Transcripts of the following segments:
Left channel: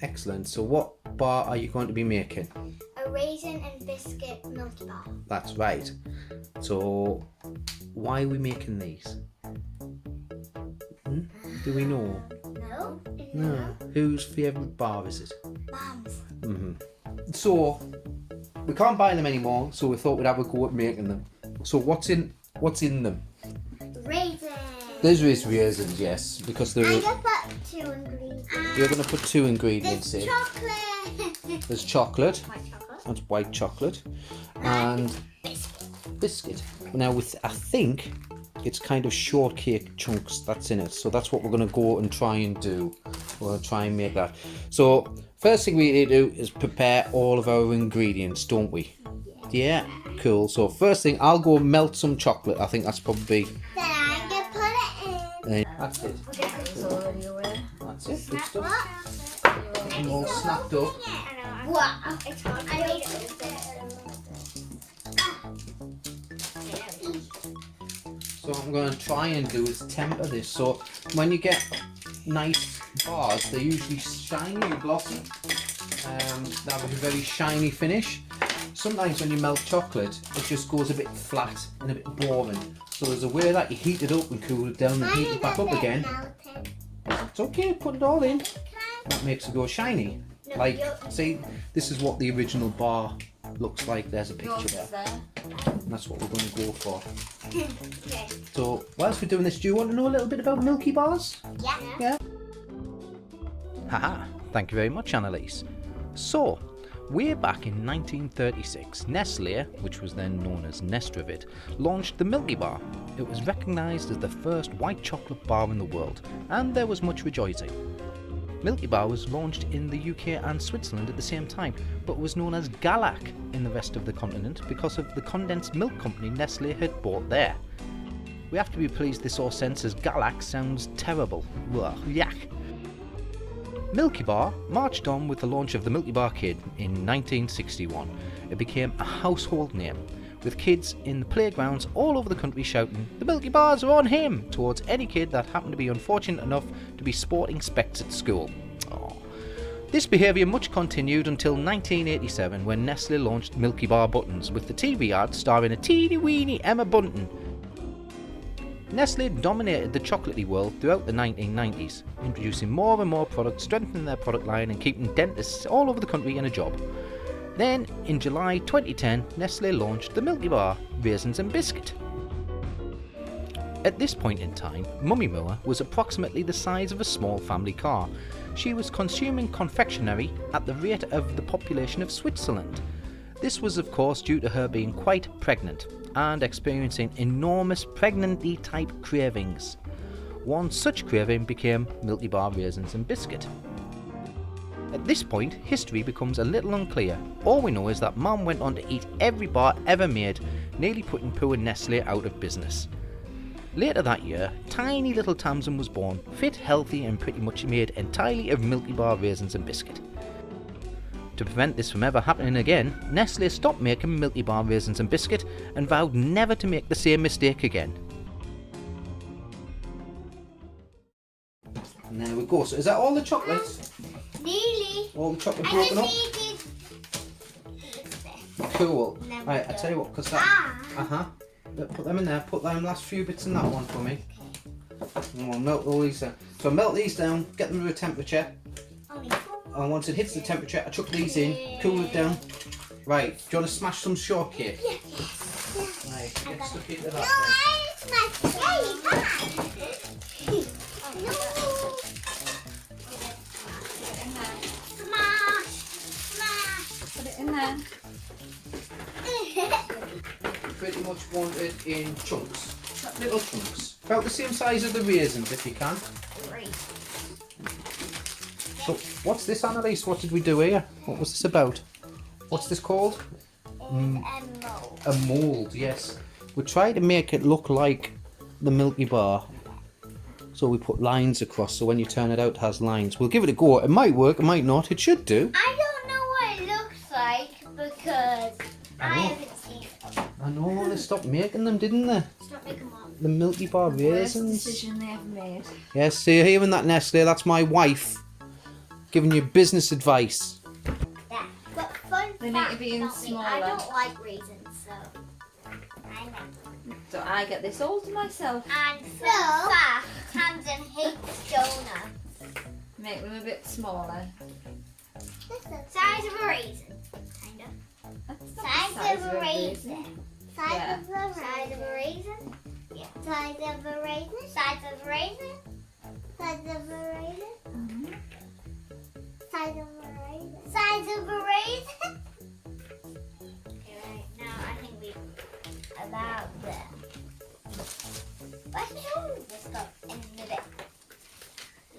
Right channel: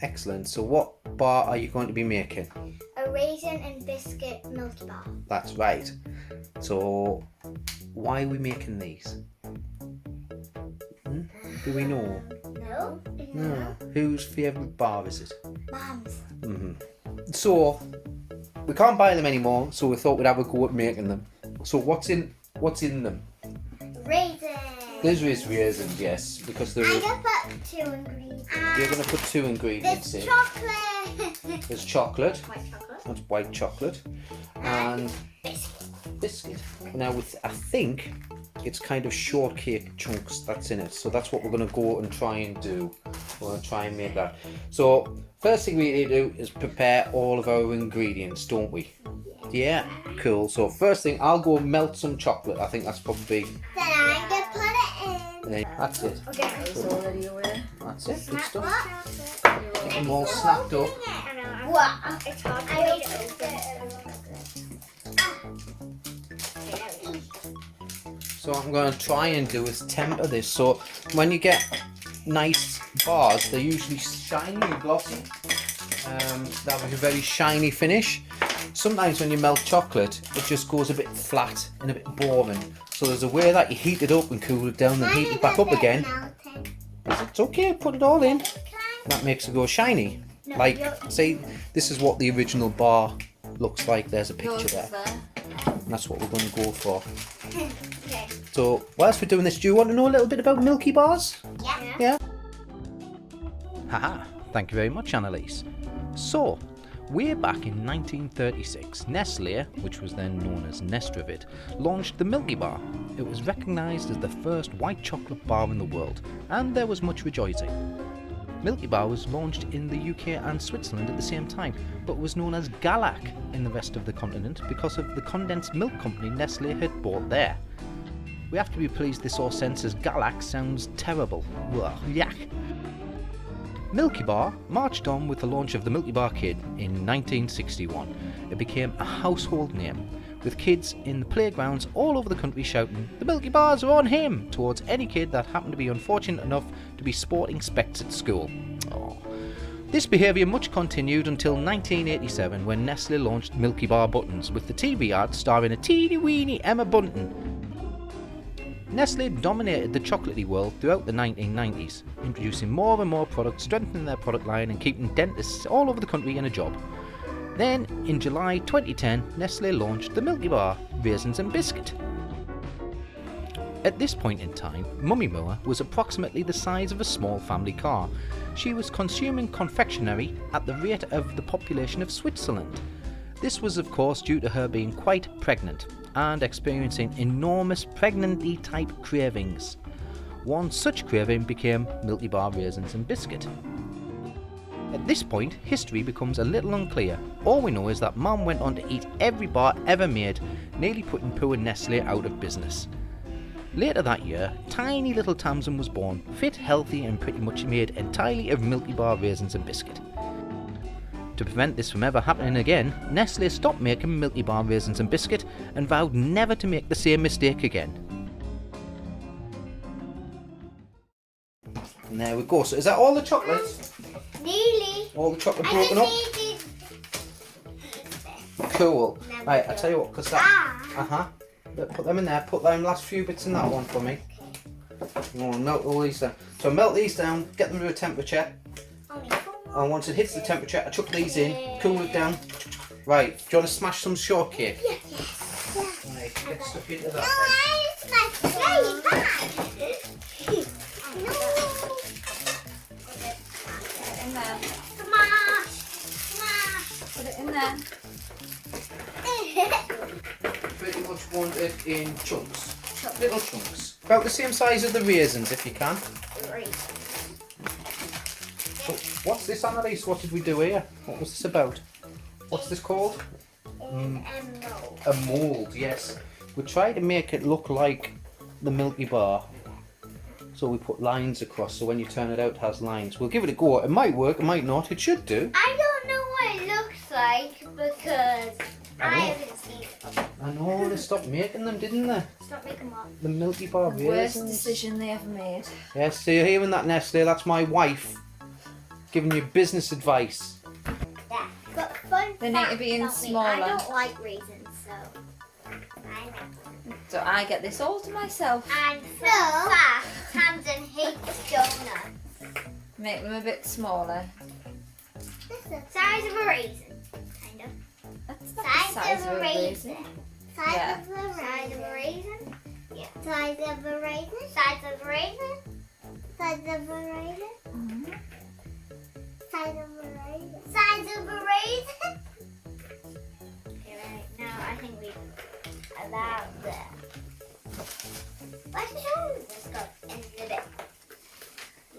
Excellent. So what bar are you going to be making? A Raisin and Biscuit Milkybar. That's right. So why are we making these? Do we know? No. No. Whose favourite bar is it? Mum's. So we can't buy them anymore, so we thought we'd have a go at making them. So what's in them? Raisins. There's raisins, yes, because there I'm is. gonna put 2 ingredients. You're going to put 2 ingredients There's in. chocolate. There's chocolate. White chocolate. That's white chocolate. And biscuit. Now I think it's kind of shortcake chunks that's in it. So that's what we're going to go and try and do. We're going to try and make that. So first thing we need to do is prepare all of our ingredients, don't we? Yeah. Cool. So first thing, I'll go melt some chocolate. I think that's probably... Then I'm going to put it in. That's it. Okay. It's already away. That's it. Good What? stuff. Get them all snapped up. What? It's hard to read it open. So what I'm going to try and do is temper this. So when you get nice bars, they're usually shiny and glossy. They have a very shiny finish. Sometimes when you melt chocolate, it just goes a bit flat and a bit boring. So there's a way that you heat it up and cool it down and heat it back up again. It's okay, put it all in. That makes it go shiny. Like, see, this is what the original bar looks like. There's a picture there. And that's what we're going to go for. Okay. So, whilst we're doing this, do you want to know a little bit about Milkybars? Yeah. Haha, thank you very much, Annalise. So, way back in 1936, Nestle, which was then known as Nestrovid, launched the Milkybar. It was recognised as the first white chocolate bar in the world, and there was much rejoicing. Milkybar was launched in the UK and Switzerland at the same time, but was known as Galak in the rest of the continent because of the condensed milk company Nestle had bought there. We have to be pleased this all sense as Galak sounds terrible. Ugh, yuck. Milkybar marched on with the launch of the Milkybar Kid in 1961. It became a household name, with kids in the playgrounds all over the country shouting, "The Milkybars are on him!" towards any kid that happened to be unfortunate enough to be sporting specs at school. Oh. This behaviour much continued until 1987 when Nestle launched Milkybar Buttons with the TV ad starring a teeny weeny Emma Bunton. Nestle dominated the chocolatey world throughout the 1990s, introducing more and more products, strengthening their product line and keeping dentists all over the country in a job. Then, in July 2010, Nestle launched the Milkybar Raisins and Biscuit. At this point in time, Mummy Moore was approximately the size of a small family car. She was consuming confectionery at the rate of the population of Switzerland. This was of course due to her being quite pregnant and experiencing enormous pregnancy type cravings. One such craving became Milkybar Raisins and Biscuit. At this point, history becomes a little unclear. All we know is that Mum went on to eat every bar ever made, nearly putting poor Nestle out of business. Later that year, tiny little Tamsin was born, fit, healthy and pretty much made entirely of Milkybar Raisins and Biscuit. To prevent this from ever happening again, Nestle stopped making Milkybar Raisins and Biscuit and vowed never to make the same mistake again. And there we go. So is that all the chocolate? Nearly. All the chocolate I broken up? just needed... Cool. There we Right, go. I'll tell you what, because that... Put them in there. Put them last few bits in that one for me. Oh, melt all these down. So melt these down, get them to a temperature. And once it hits the temperature, I chuck these in, cool it down. Right, do you want to smash some shortcake? Yes. Right, get stuck into that. No, I smashed very bad. No. Smash. Put it in there. Pretty much want it in chunks. Little chunks. About the same size as the raisins if you can. So, what's this, Annalise? What did we do here? What was this about? What's this called? A mould, yes. We tried to make it look like the Milkybar. So we put lines across, so when you turn it out it has lines. We'll give it a go. It might work, it might not. It should do. I don't know what it looks like because I haven't seen it. I know, they stopped making them, didn't they? Stop making one. The Milkybar Worst raisins. decision they ever made. Yes, so you're hearing that, Nestle? That's my wife. giving you business advice. Yeah. But fun They need to fact be in about me, I smaller. don't like raisins, so I like them. So I get this all to myself. And fun fact, Tamsin hates donuts. Make them a bit smaller. Size of a raisin, kind of. That's not the Size of a raisin. Size Yeah. of a raisin. Yeah. Size of a raisin. Size of a raisin. Size of a raisin. Mhm. Size of a raisin. Size of a raisin. Okay, right now I think we about there. What's this go in the bin?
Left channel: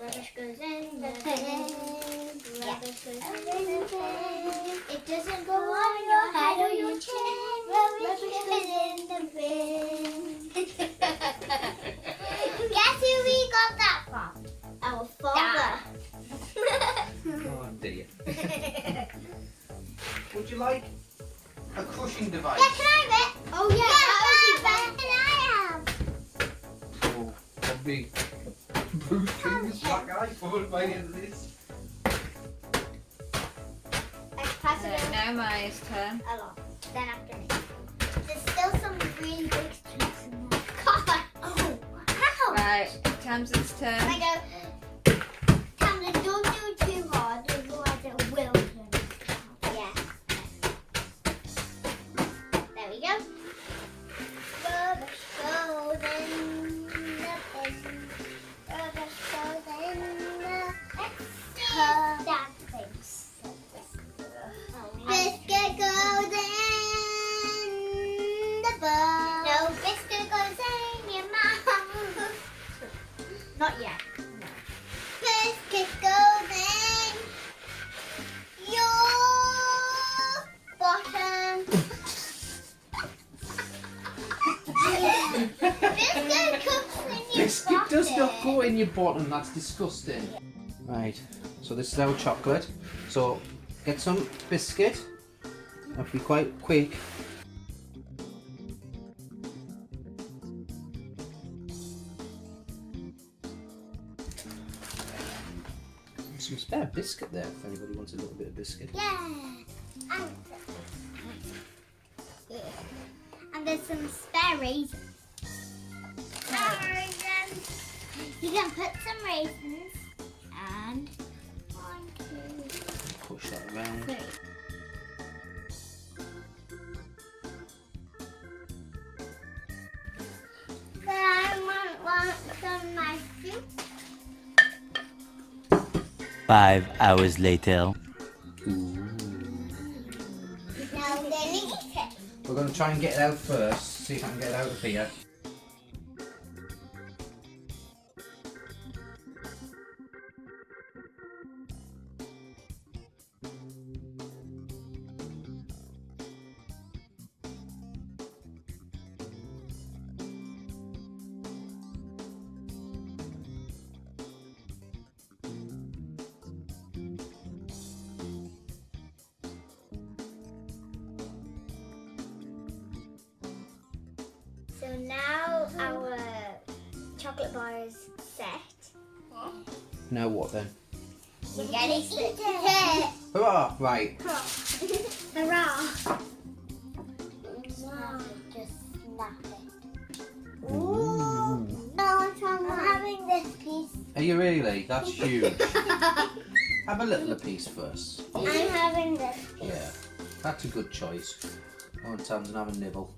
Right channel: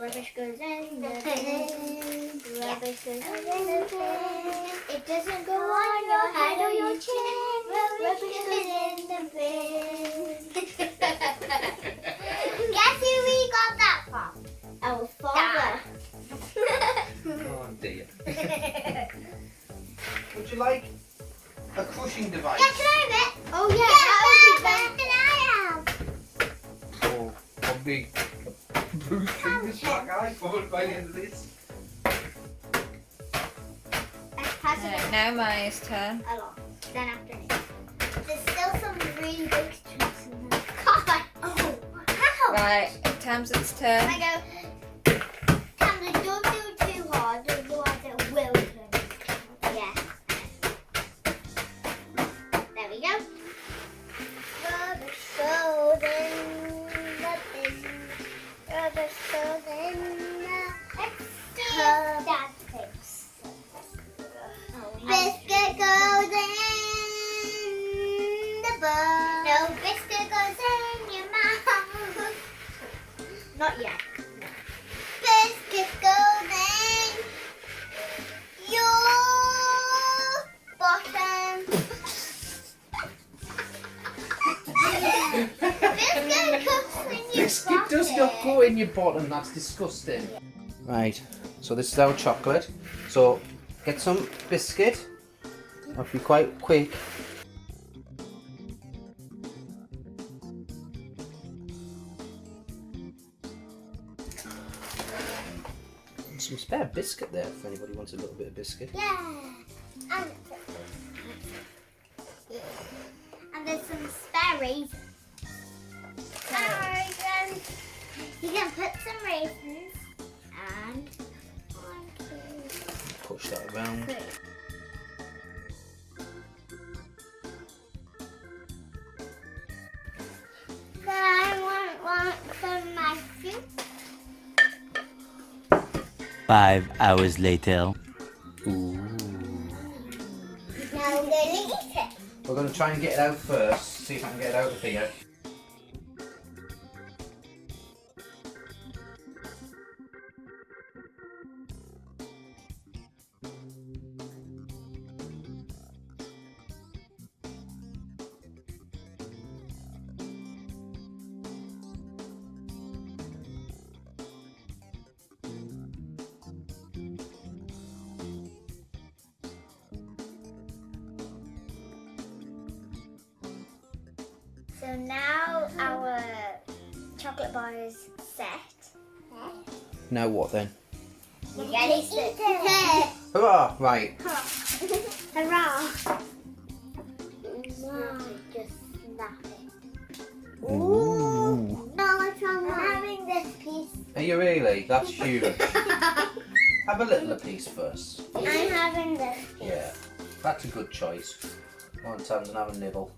Rubbish goes in the bin. Rubbish goes in the bin. It doesn't go on your head or your chin. Rubbish goes in the bin. Guess who we got that from? Our father. Oh dear. Would you like a crushing device? Yeah, can I have it? Oh yeah, that would be better. Can I have? Or probably a boost through this black eye covered by the end of this. Let's pass it Right, now Maya's turn. along. Then after me. There's still some really big treats in there. God! Oh! Ow! Right, Tamsin's turn. I go. Tamsin, don't do it too hard, otherwise it will turn. Yes. There we go. Rubbish goes in the bin. Rubbish goes in the that things. Biscuit goes in the bowl. No, biscuit goes in your mouth. Not yet. No. Biscuit goes in your bottom. Biscuit goes in your Biscuit bottom. does not go in your bottom, that's disgusting. Right, so this is our chocolate. So get some biscuit. I'll be quite quick. Some spare biscuit there if anybody wants a little bit of biscuit. Yeah. And there's some spare raisins. Spare raisins. You can put some raisins and 1, 2, Push that around. 3. Then I want some mushroom. 5 hours later. Ooh. Now we're gonna eat it. We're going to try and get it out first. See if I can get it out of here. So now our chocolate bar is set. Now what then? We're gonna eat it. Hurrah! Right. Hurrah! Just snap it. Ooh. No, I'm having this piece. Are you really? That's huge. Have a little piece first. I'm having this piece. Yeah, that's a good choice. Go on, Tamsin, have a nibble.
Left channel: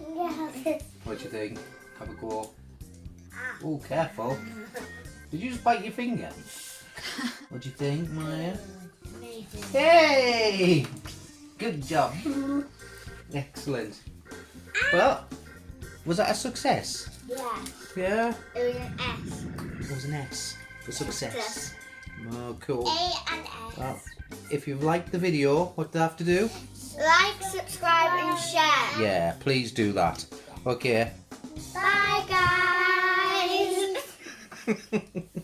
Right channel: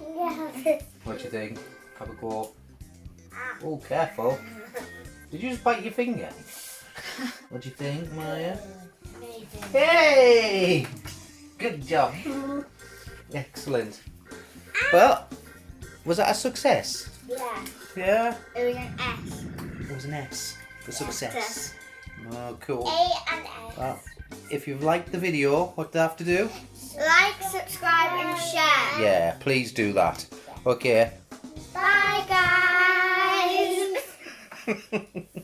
Yeah. What do you think? Have a go. Oh, careful. Did you just bite your finger? What do you think, Maya? Amazing. Hey! Good job. Excellent. Well, was that a success? Yeah. Yeah? It was an S. It was an S for success. Oh, cool. A and S. Well, if you've liked the video, what do I have to do? Like, subscribe, and share. Yeah, please do that. Okay. Bye, guys.